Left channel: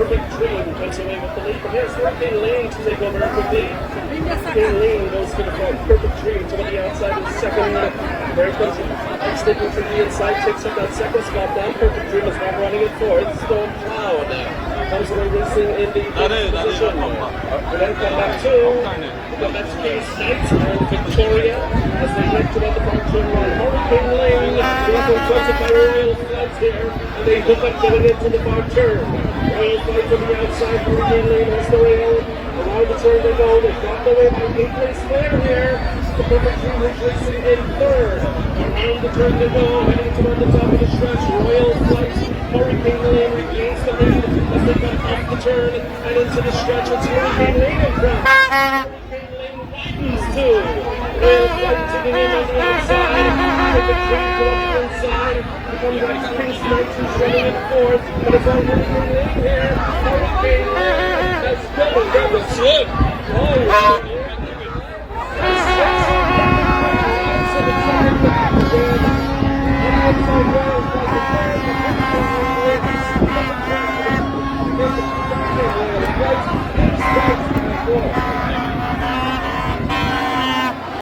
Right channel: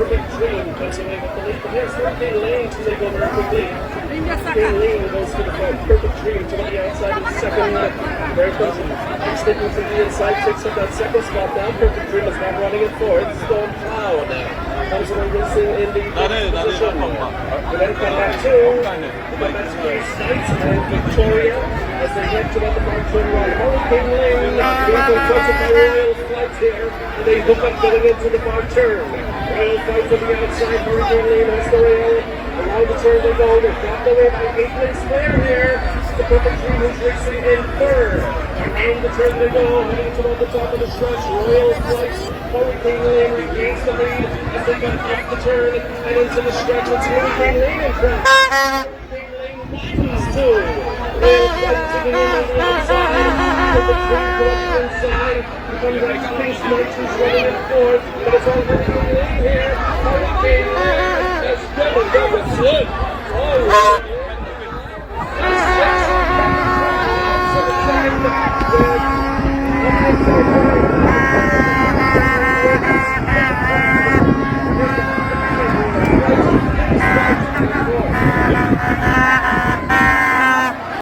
Perfect Dream takes away with the lead. But here's Hurricane Lane to take over up the lead. Hurricane Lane goes to the front. Perfect Dream to the outside in second. Very busy. And sticking to the inside, picks up that second spot now. Perfect Dream is back running it forward. Storm Cloud comes away racing in the position. And then come back to, that's Case Knights and Victoria as they look to let the front turn right. Hurricane Lane being confronted by Royal Flight here. And they hook up getting into the far turn. Royal Flight to the outside. Hurricane Lane has the rail. Around the turn they go. They're dropped away by 8 place clear here. The Perfect Dream is racing in third. Around the turn they go. Heading to on the top of the stretch. Royal Flight. Hurricane Lane regains the lead as they come off the turn and into the stretch. It's Hurricane Lane in front. Hurricane Lane widens too. Royal Flight taking in on the outside. Perfect Dream go up the inside. Comes back to Case Knights who's running in fourth. But it's all Hurricane Lane here. Hurricane Lane has double slip. Oh, yeah.